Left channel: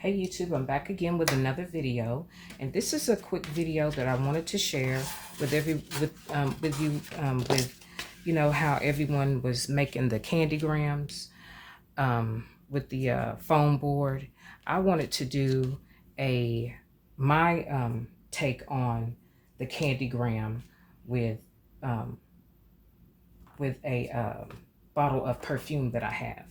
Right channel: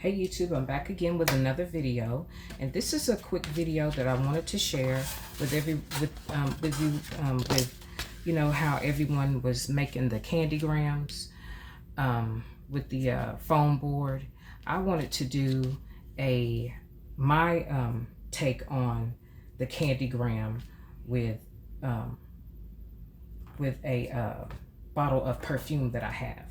Hey YouTube, I'm back again with another video, and this is a quick video that I wanted to share with you know how everyone was making the candygrams with the foam board. I wanted to do my take on the candygram with a bottle of perfume that I have,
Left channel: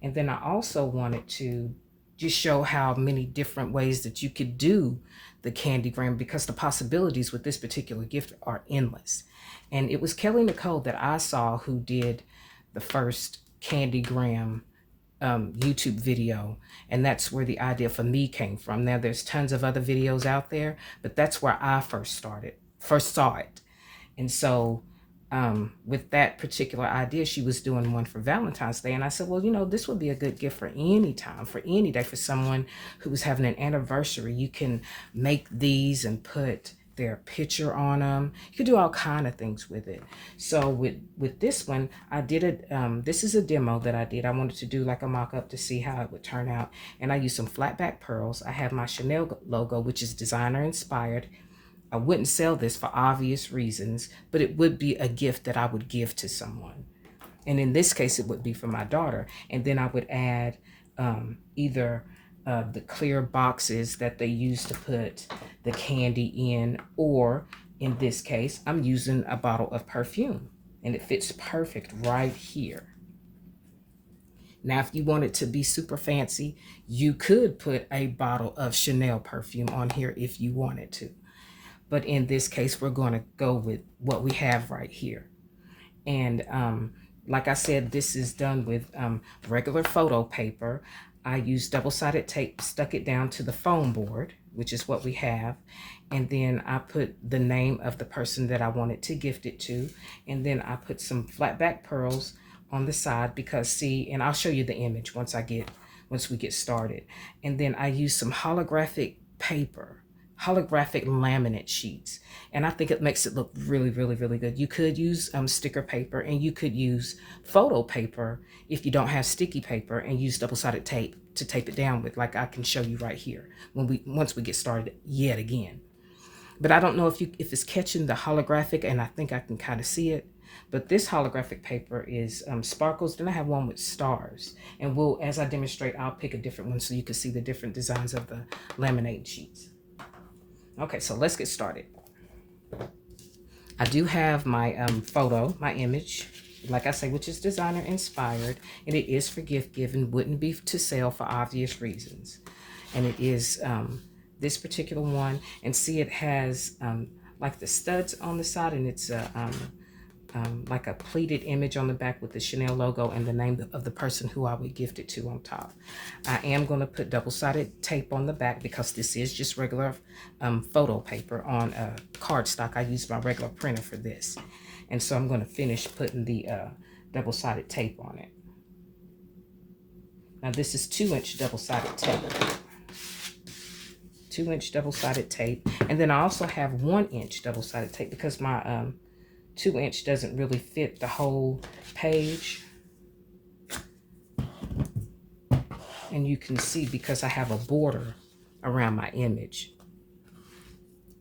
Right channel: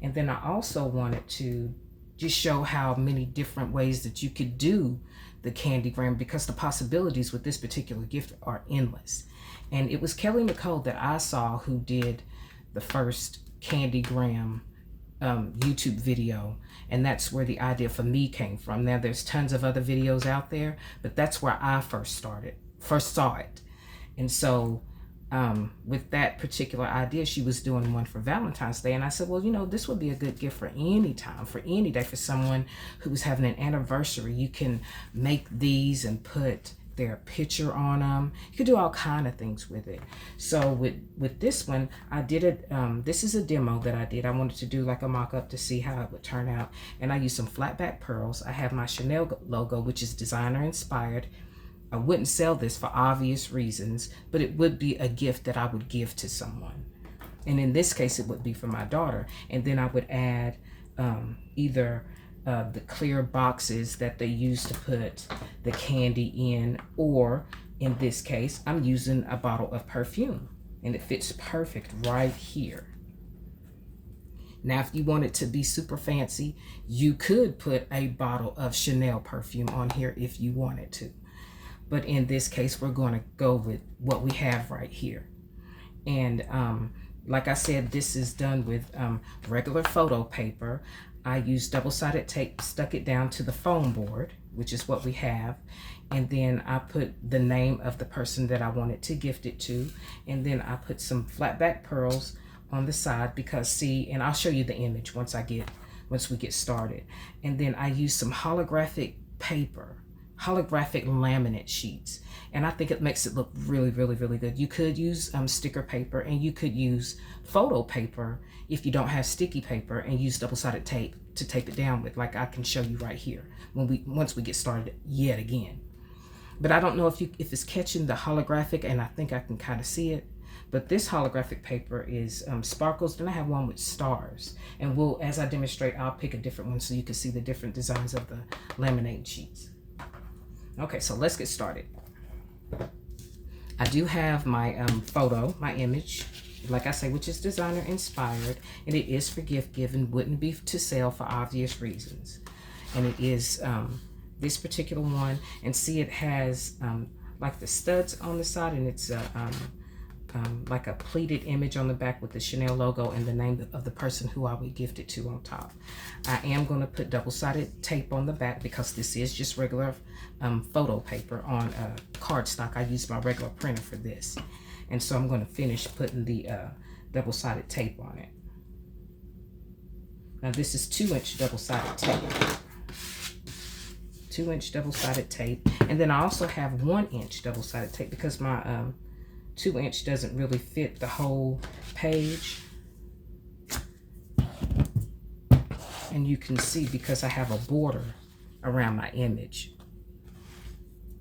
and then I also wanted to just show how many different ways that you could do the candygram, because the possibilities with this particular gift are endless. And it was Kelly Nicole that I saw who did the first candygram YouTube video, and that's where the idea for me came from. Now there's tons of other videos out there, but that's where I first saw it. And so with that particular idea, she was doing one for Valentine's Day. And I said, well, you know, this would be a good gift for any time, for any day, for someone who was having an anniversary. You can make these and put their picture on them. You could do all kind of things with it. So with this one, I did it. This is a demo that I did. I wanted to do like a mock-up to see how it would turn out. And I used some flat back pearls. I have my Chanel logo, which is designer inspired. I wouldn't sell this for obvious reasons, but it would be a gift that I would give to someone. And in this case, it would be for my daughter. And then I would add either the clear boxes that they use to put the candy in, or in this case, I'm using a bottle of perfume, and it fits perfect right here. Now, if you want it to be super fancy, you could put a bottle of Chanel perfume on here if you wanted to. But in this case, we're going to go with what we have right here. And like I said, this is done with regular photo paper. I used double-sided tape, stuck it down to the foam board, which is what we have. And then I put the name of the person that I wanted to gift it to. And then I put some flat back pearls on the side, because see, and I'll show you the image once we get started. And then I used some holographic paper, holographic laminate sheets, and I think it makes it look really, really, really good. You could use sticker paper, and you could use photo paper if you don't have sticky paper, and use double-sided tape to tape it down with, like I can show you right here once we get started yet again. But I don't know if it's catching the holographic, and I think I can kind of see it. But this holographic paper is sparkles. Then I have one with stars, and as I demonstrate, I'll pick a different one so you can see the different designs of the laminate sheets. Okay, so let's get started. I do have my my image, like I say, which is designer inspired, and it is for gift giving, wouldn't be to sell for obvious reasons. And it is this particular one, and see, it has like the studs on the side, and it's like a pleated image on the back with the Chanel logo and the name of the person who I would gift it to on top. I am going to put double-sided tape on the back, because this is just regular photo paper on cardstock. I use my regular printer for this. And so I'm going to finish putting the double-sided tape on it. Now this is 2-inch double-sided tape. 2-inch double-sided tape. And then I also have 1-inch double-sided tape, because my 2-inch doesn't really fit the whole page. And you can see, because I have a border around my image,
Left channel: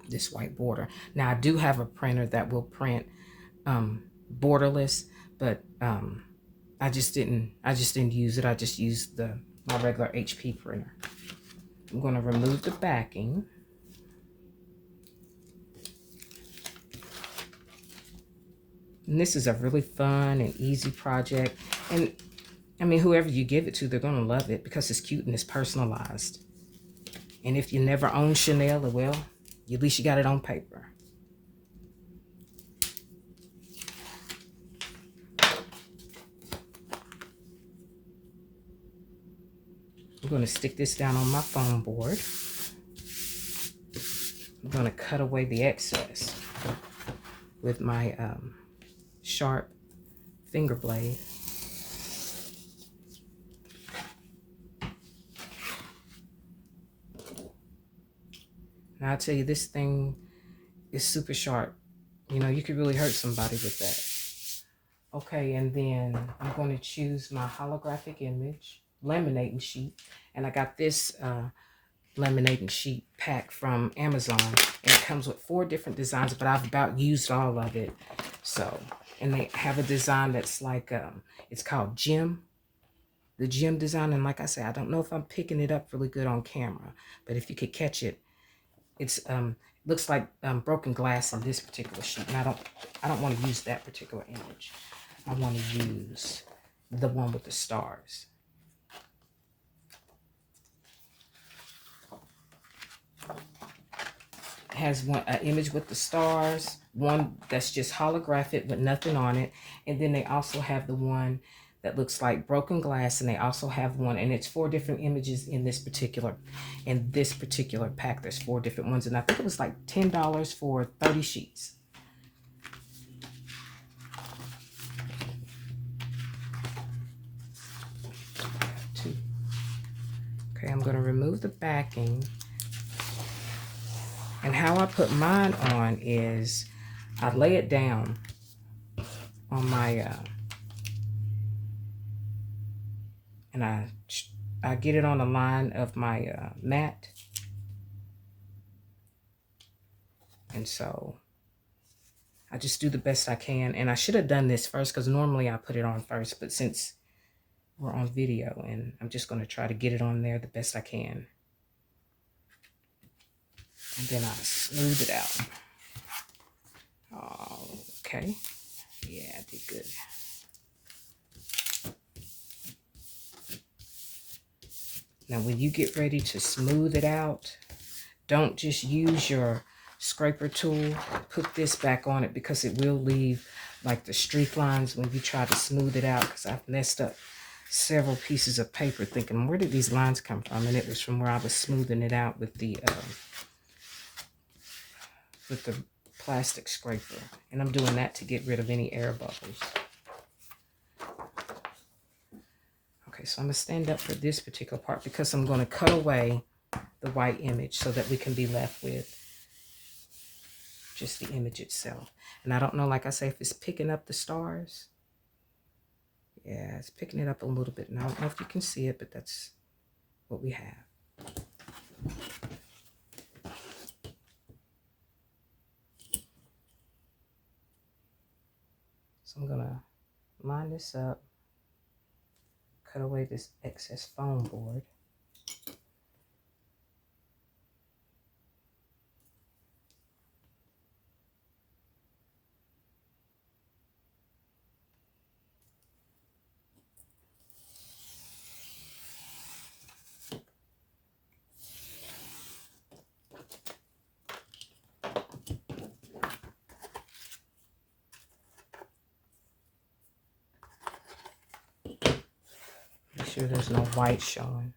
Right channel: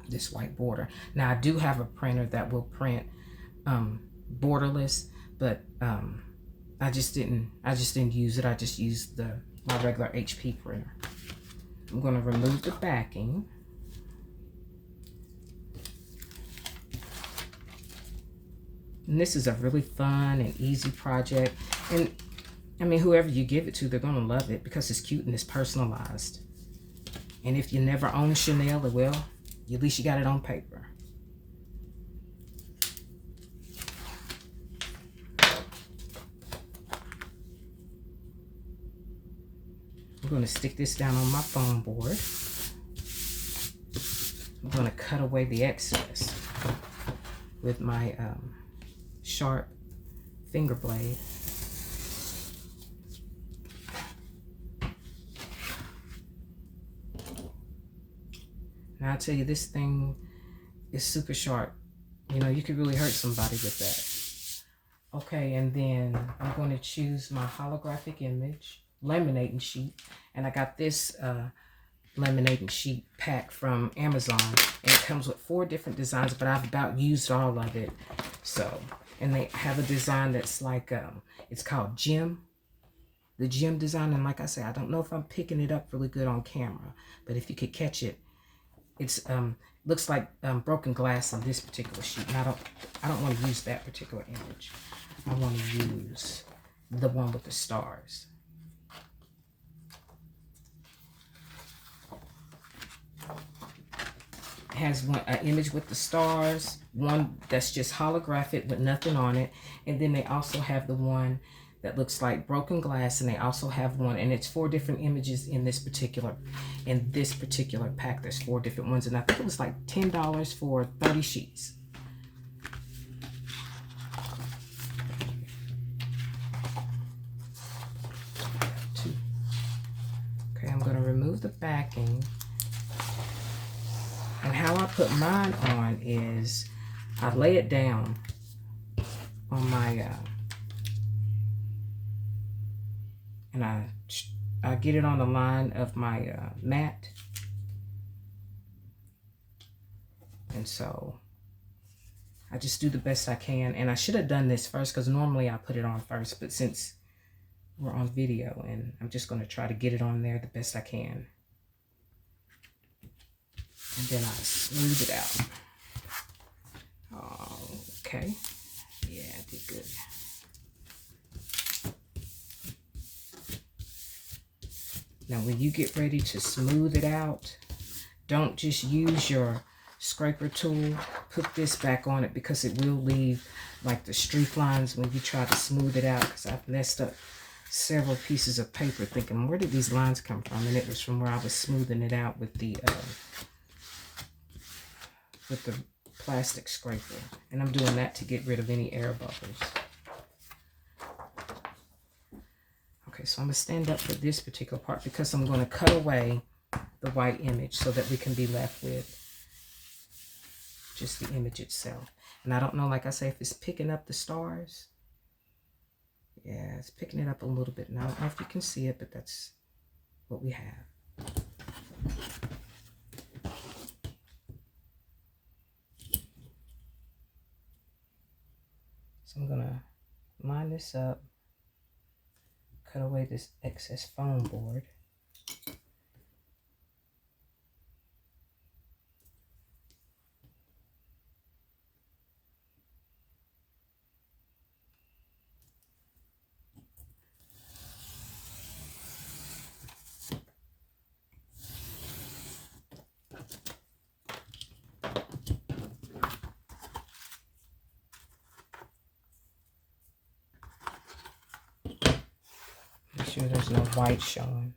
this white border. Now I do have a printer that will print borderless, but I just didn't use it. I just used my regular HP printer. I'm going to remove the backing. And this is a really fun and easy project. And I mean, whoever you give it to, they're going to love it, because it's cute and it's personalized. And if you never own Chanel, well, at least you got it on paper. I'm going to stick this down on my foam board. I'm going to cut away the excess with my sharp finger blade. Now I tell you, this thing is super sharp. You know, you could really hurt somebody with that. Okay, and then I'm going to choose my holographic image, laminating sheet, and I got this laminating sheet pack from Amazon. And it comes with 4 different designs, but I've about used all of it. So, and they have a design that's like, it's called Gem. The Gem design. And like I say, I don't know if I'm picking it up really good on camera, but if you could catch it, it's looks like broken glass in this particular sheet. And I don't want to use that particular image. I want to use the one with the stars. It has an image with the stars, one that's just holographic with nothing on it, and then they also have the one that looks like broken glass, and they also have one, and it's 4 different images in this particular pack. There's 4 different ones, and I think it was like $10 for 30 sheets. Okay, I'm going to remove the backing. And how I put mine on is I lay it down on my, and I get it on the line of my mat. And so I just do the best I can. And I should have done this first because normally I put it on first. But since we're on video, and I'm just going to try to get it on there the best I can. And then I smooth it out. Okay. Yeah, I did good. Now, when you get ready to smooth it out, don't just use your scraper tool. Put this back on it because it will leave like the streak lines when you try to smooth it out, because I've messed up several pieces of paper thinking, where did these lines come from? And it was from where I was smoothing it out with the plastic scraper. And I'm doing that to get rid of any air bubbles. Okay, so I'm going to stand up for this particular part because I'm going to cut away the white image so that we can be left with just the image itself. And I don't know, like I say, if it's picking up the stars. Yeah, it's picking it up a little bit. And I don't know if you can see it, but that's what we have. So I'm going to line this up, cut away this excess foam board. Make sure there's no white showing.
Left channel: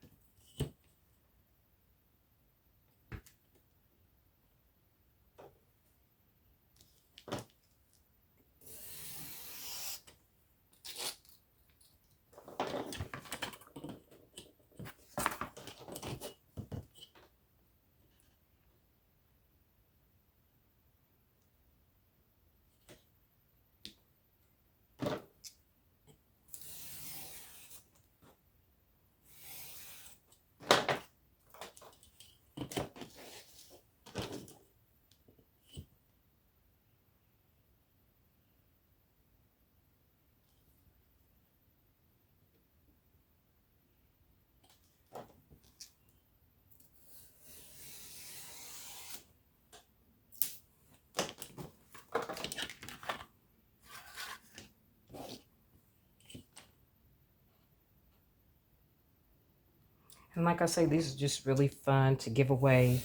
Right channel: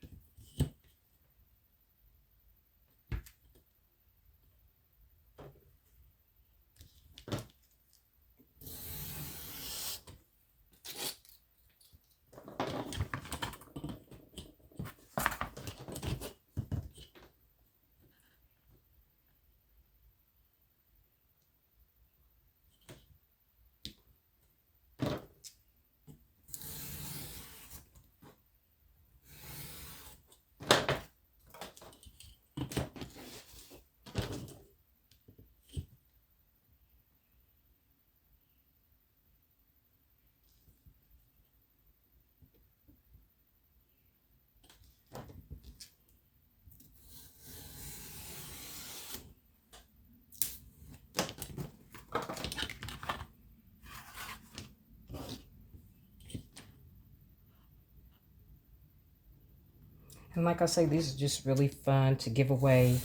And like I say, these are just really fun to give away,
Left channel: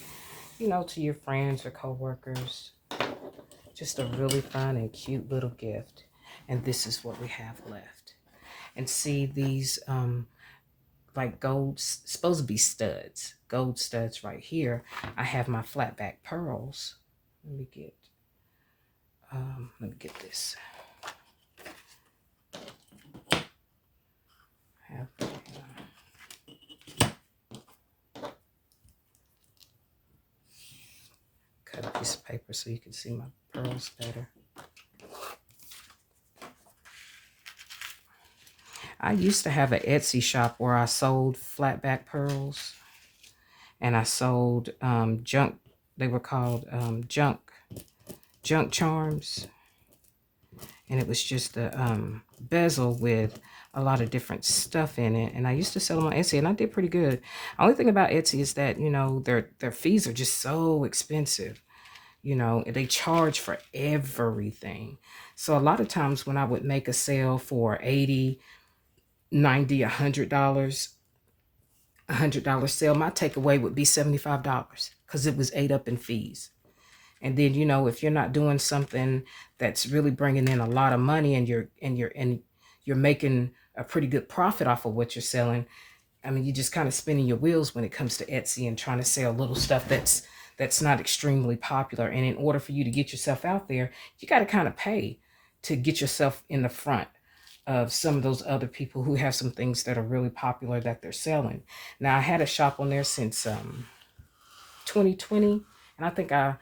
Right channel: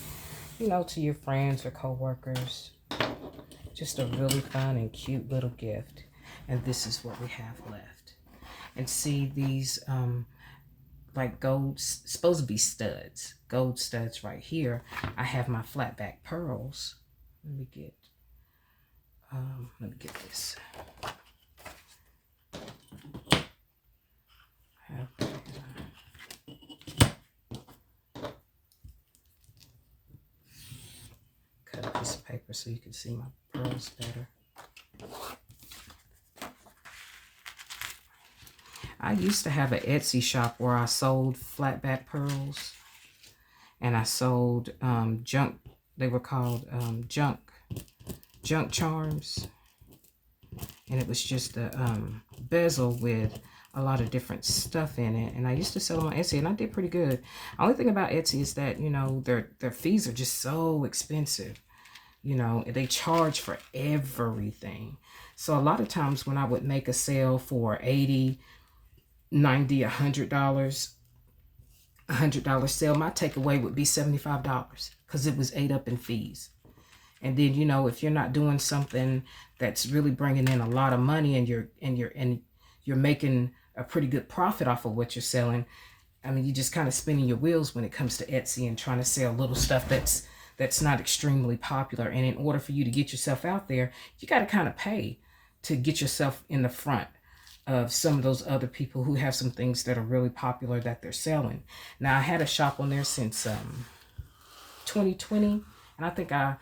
you know, to your friends or coworkers. Just a really fun and cute little gift. And this is what we have left. And see these like gold, supposed to be studs, gold studs right here. I have my flat back pearls. Let me get this. Cut a piece of paper so you can see my pearls better. I used to have an Etsy shop where I sold flat back pearls, and I sold junk. They were called junk charms, and it was just a bezel with a lot of different stuff in it. And I used to sell them on Etsy, and I did pretty good. Only thing about Etsy is that their fees are just so expensive. They charge for everything. So a lot of times when I would make a sale for 80, 90, $100, $100 sale, my takeaway would be $75 because it was ate up in fees. And then if you're not doing something that's really bringing in a lot of money, and you're making a pretty good profit off of what you're selling, I mean, you're just kind of spinning your wheels when it comes to Etsy and trying to sell little stuff that's not extremely popular. And in order for you to get yourself out there, you got to kind of pay to get yourself in the front of some of those other people who have some things that are really popular that they're selling. Now, I had a shop on there since 2020, and I think I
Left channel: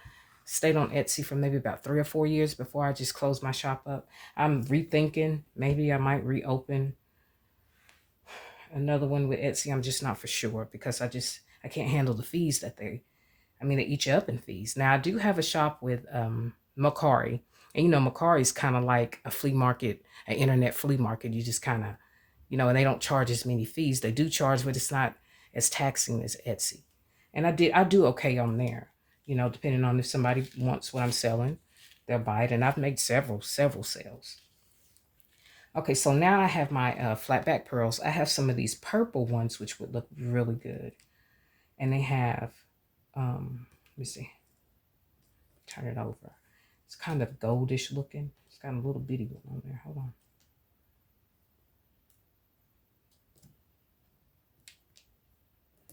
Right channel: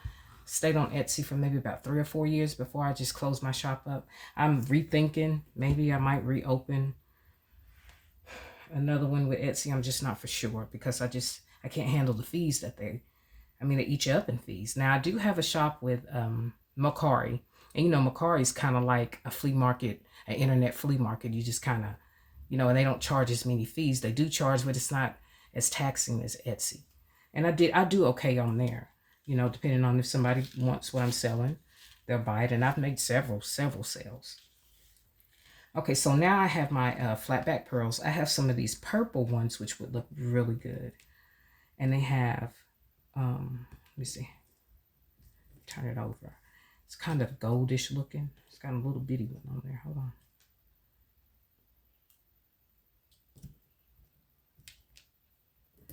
stayed on Etsy for maybe about 3 or 4 years before I just closed my shop up. I'm rethinking, maybe I might reopen another one with Etsy. I'm just not for sure because I can't handle the fees that they eat you up in fees. Now, I do have a shop with Mercari, and Mercari is kind of like a flea market, an internet flea market. You just kind of, and they don't charge as many fees. They do charge, but it's not as taxing as Etsy. And I do okay on there, depending on if somebody wants what I'm selling, they'll buy it. And I've made several sales. Okay, so now I have my flat back pearls. I have some of these purple ones, which would look really good. And they have, let me see, turn it over. It's kind of goldish looking. It's got a little bitty one on there. Hold on.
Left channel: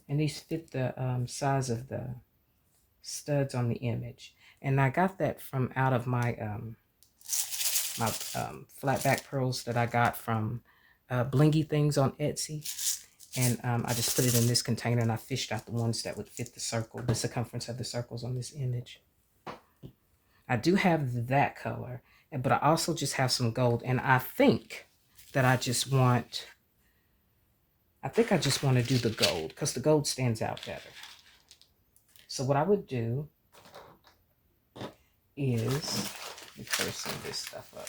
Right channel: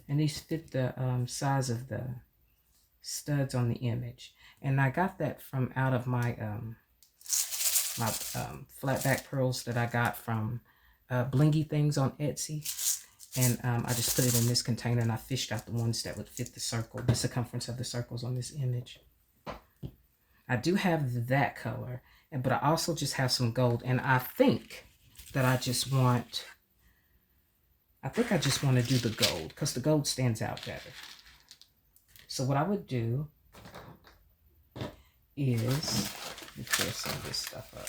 And these fit the size of the studs on the image. And I got that from out of my flat back pearls that I got from Blingy Things on Etsy. And I just put it in this container, and I fished out the ones that would fit the circumference of the circles on this image. I do have that color, but I also just have some gold. And I think that I just want to do the gold because the gold stands out better. So what I would do is, let me clear some of this stuff up.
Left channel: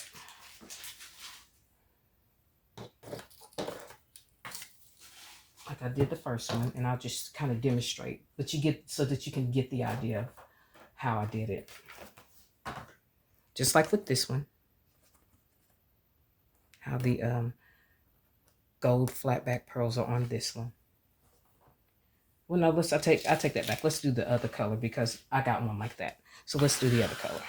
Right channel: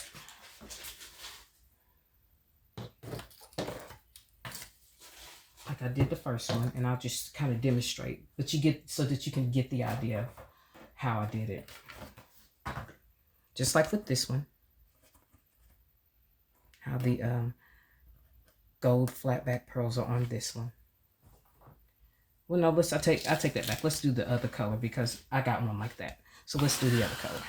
Like I did the first one, and I'll just kind of demonstrate, but so that you can get the idea of how I did it. Just like with this one, how the gold flat back pearls are on this one. Well, no, I take that back. Let's do the other color because I got one like that. So let's do the other color.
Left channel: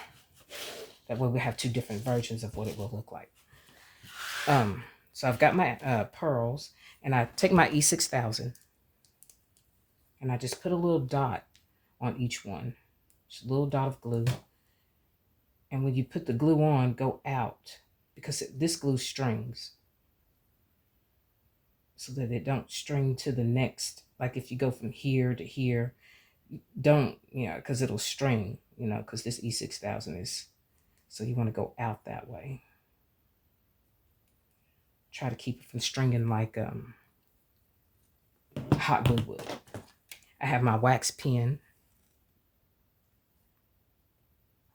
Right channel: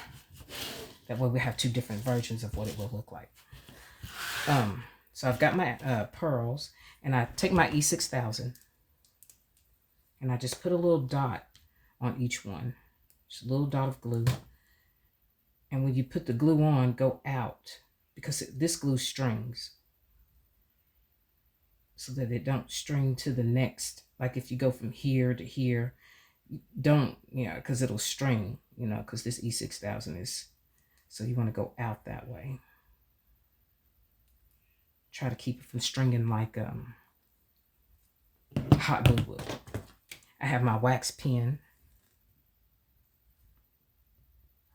That way we have two different versions of what it will look like. So I've got my pearls, and I take my E6000, and I just put a little dot on each one. Just a little dot of glue. And when you put the glue on, go out, because this glue strings, so that it don't string to the next. Like if you go from here to here, don't, because it'll string, because this E6000 is, so you want to go out that way. Try to keep it from stringing like hot glue would. I have my wax pen.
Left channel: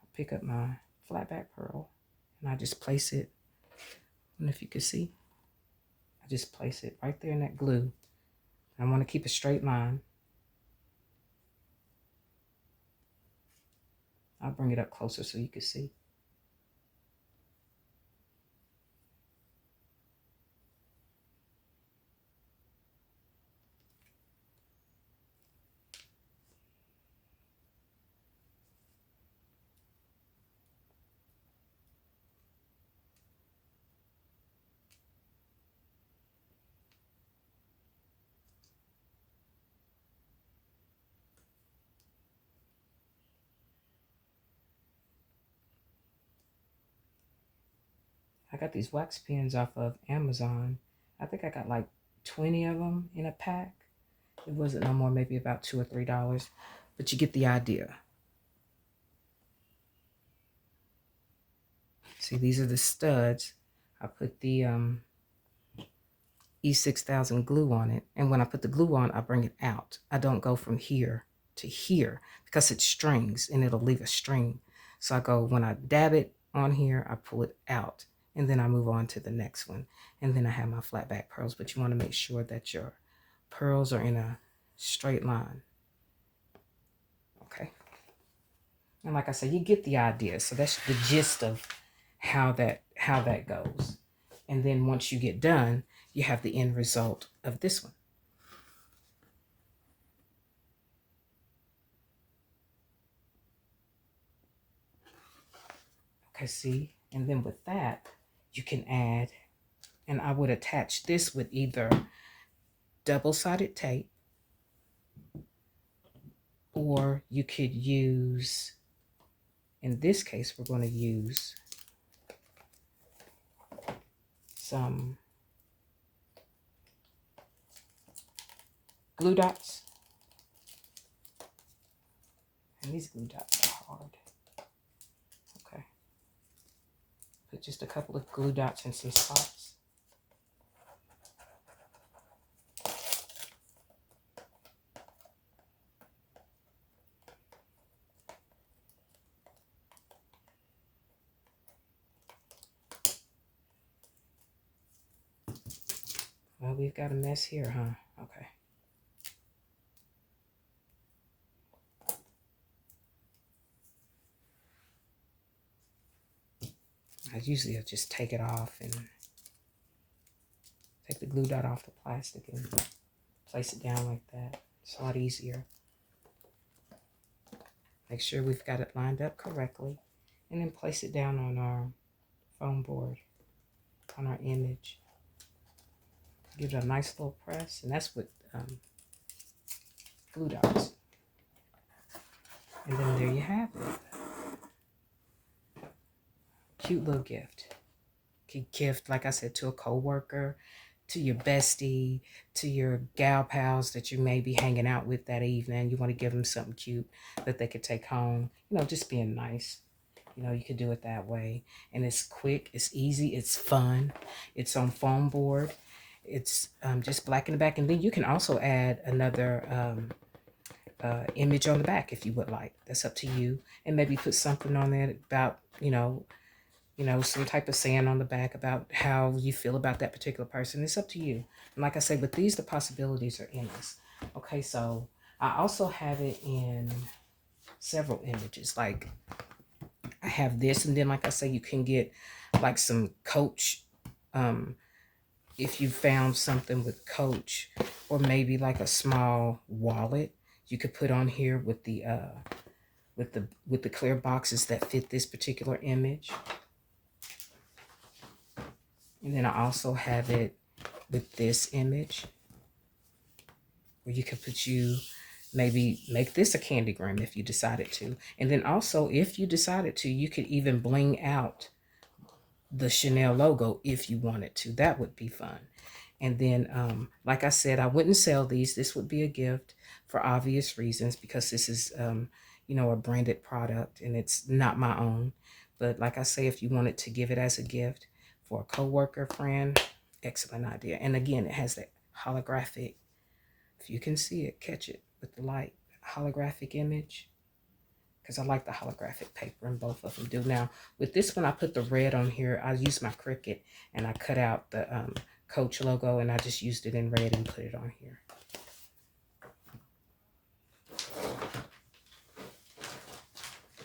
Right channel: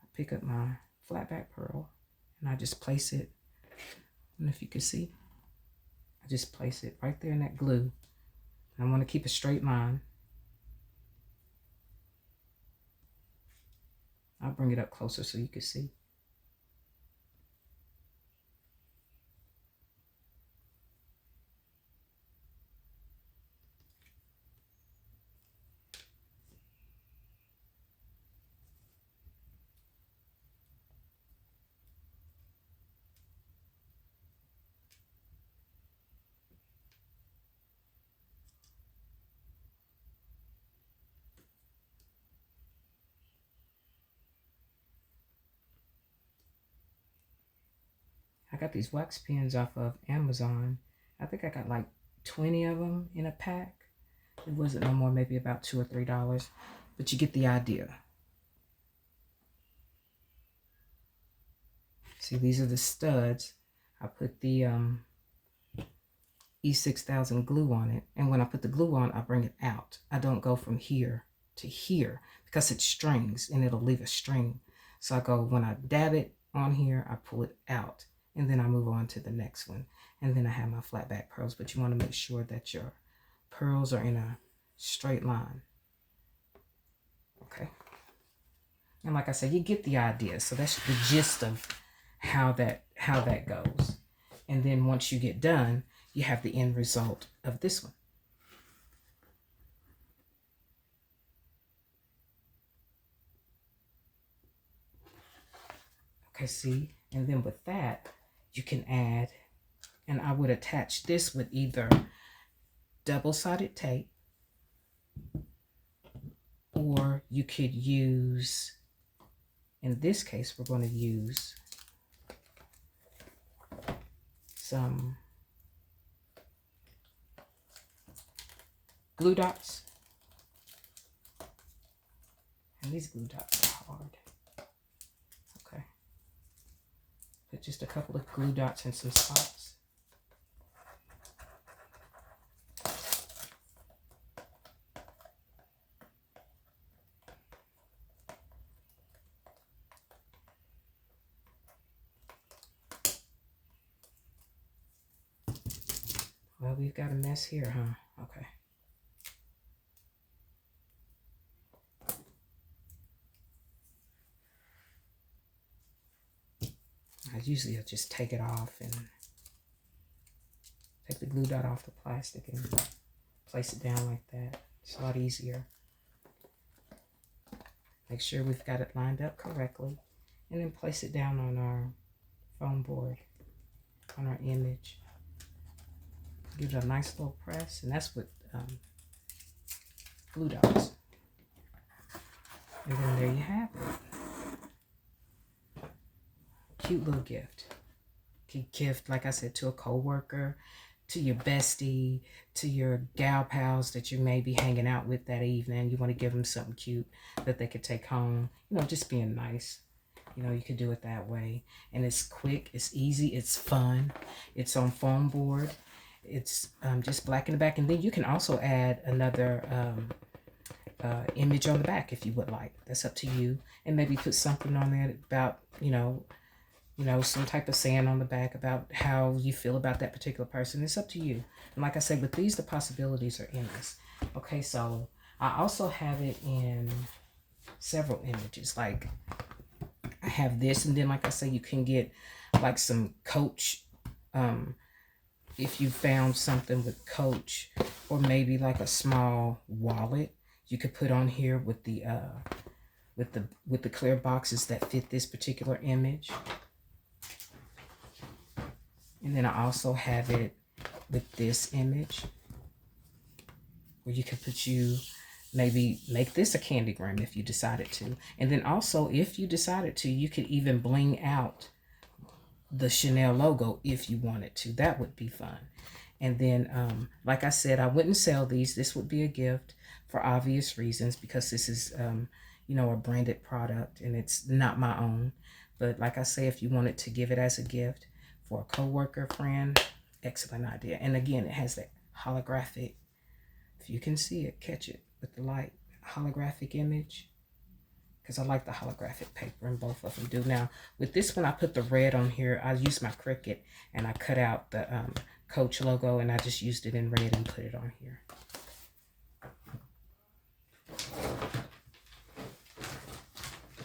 I pick up my flat back pearl, and I just place it. I don't know if you can see. I just place it right there in that glue. I want to keep a straight line. I'll bring it up closer so you can see. I got these wax pens off of Amazon. I think I got like 20 of them in a pack. It wasn't no more, maybe about $2 or $3, but you get the idea. See, these are the studs. I put the E6000 glue on it. And when I put the glue on, I bring it out. I don't go from here to here because it strings and it'll leave a string. So I go, when I dab it on here, I pull it out and then I move on to the next one. And then I have my flat back pearls, but you want to make sure that your pearls are in a straight line. Okay. And like I said, you get the idea. So that's the gist of how that goes. And then once you get done, you have the end result of this one. Okay, see? And then with that, you can add, and I would attach this with either double-sided tape, or you could use, in this case, we're going to use some glue dots. And these glue dots are hard. Okay. Put just a couple of glue dots in some spots. Well, we've got a mess here, huh? Okay. Usually I'll just take it off and take the glue dot off the plastic and place it down like that. It's a lot easier. Make sure we've got it lined up correctly and then place it down on our foam board, on our image. Give it a nice little press, and that's with glue dots. And then there you have it. Cute little gift. Gift, like I said, to a coworker, to your bestie, to your gal pals that you may be hanging out with that evening. You want to give them something cute that they could take home. You know, just being nice. You know, you could do it that way. And it's quick, it's easy, it's fun. It's on foam board. It's just black in the back. And then you can also add another image on the back if you would like. That's up to you. And maybe put something on there about, you know, some type of saying on the back about how you feel about that particular person. It's up to you. And like I said, with these, the possibilities are endless. Okay, so I also have it in several images. Like I have this, and then like I said, you can get like some Coach, if you found something with Coach, or maybe like a small wallet you could put on here with the clear boxes that fit this particular image. And then I also have it with this image where you could maybe make this a candygram if you decided to. And then also, if you decided to, you could even bling out the Chanel logo if you wanted to. That would be fun. And then, like I said, I wouldn't sell these. This would be a gift for obvious reasons because this is, you know, a branded product and it's not my own. But like I say, if you wanted to give it as a gift for a coworker, friend, excellent idea. And again, it has that holographic, if you can see it, catch it with the light, holographic image, because I like the holographic paper, and both of them do. Now, with this one, I put the red on here. I used my Cricut, and I cut out the Coach logo, and I just used it in red and put it on here.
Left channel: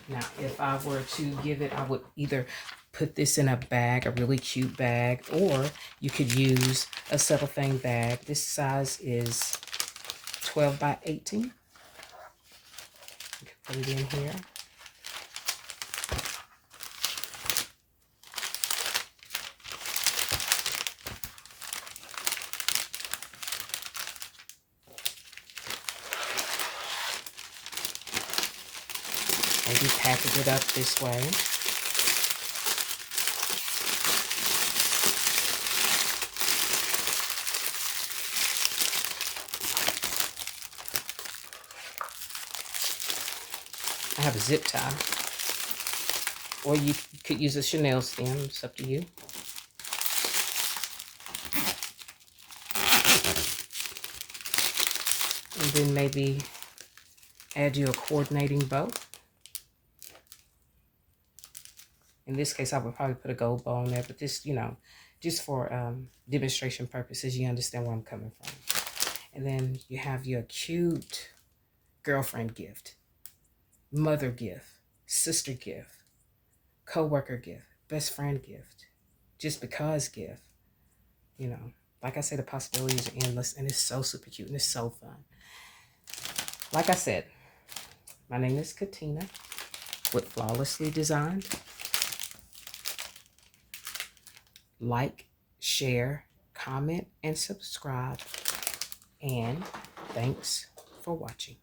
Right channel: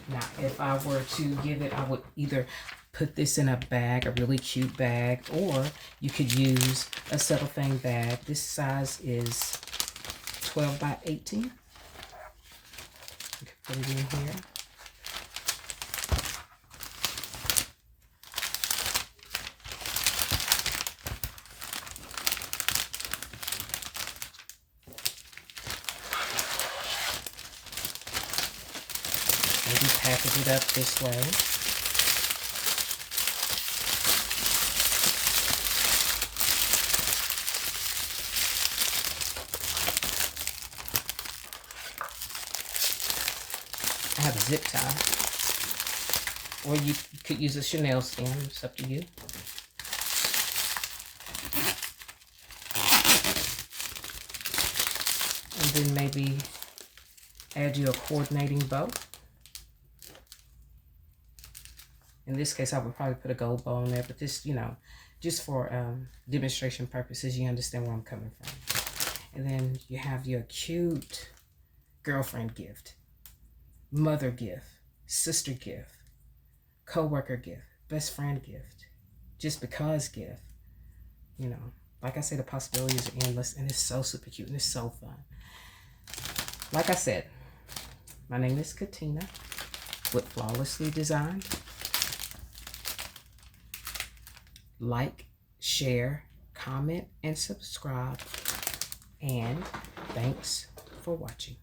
Now, if I were to give it, I would either put this in a bag, a really cute bag, or you could use a cellophane bag. This size is 12 by 18. You can put it in here. Maybe package it up this way. I have a zip tie, or you could use a Chanel stem. It's up to you. And then maybe add you a coordinating bow. In this case, I would probably put a gold bow on there, but this, you know, just for demonstration purposes, you understand where I'm coming from. And then you have your cute girlfriend gift, mother gift, sister gift, co-worker gift, best friend gift, just because gift. You know, like I said, the possibilities are endless, and it's so super cute and it's so fun. Like I said, my name is Katina with Flawlessly Designed. Like, share, comment, and subscribe. And thanks for watching.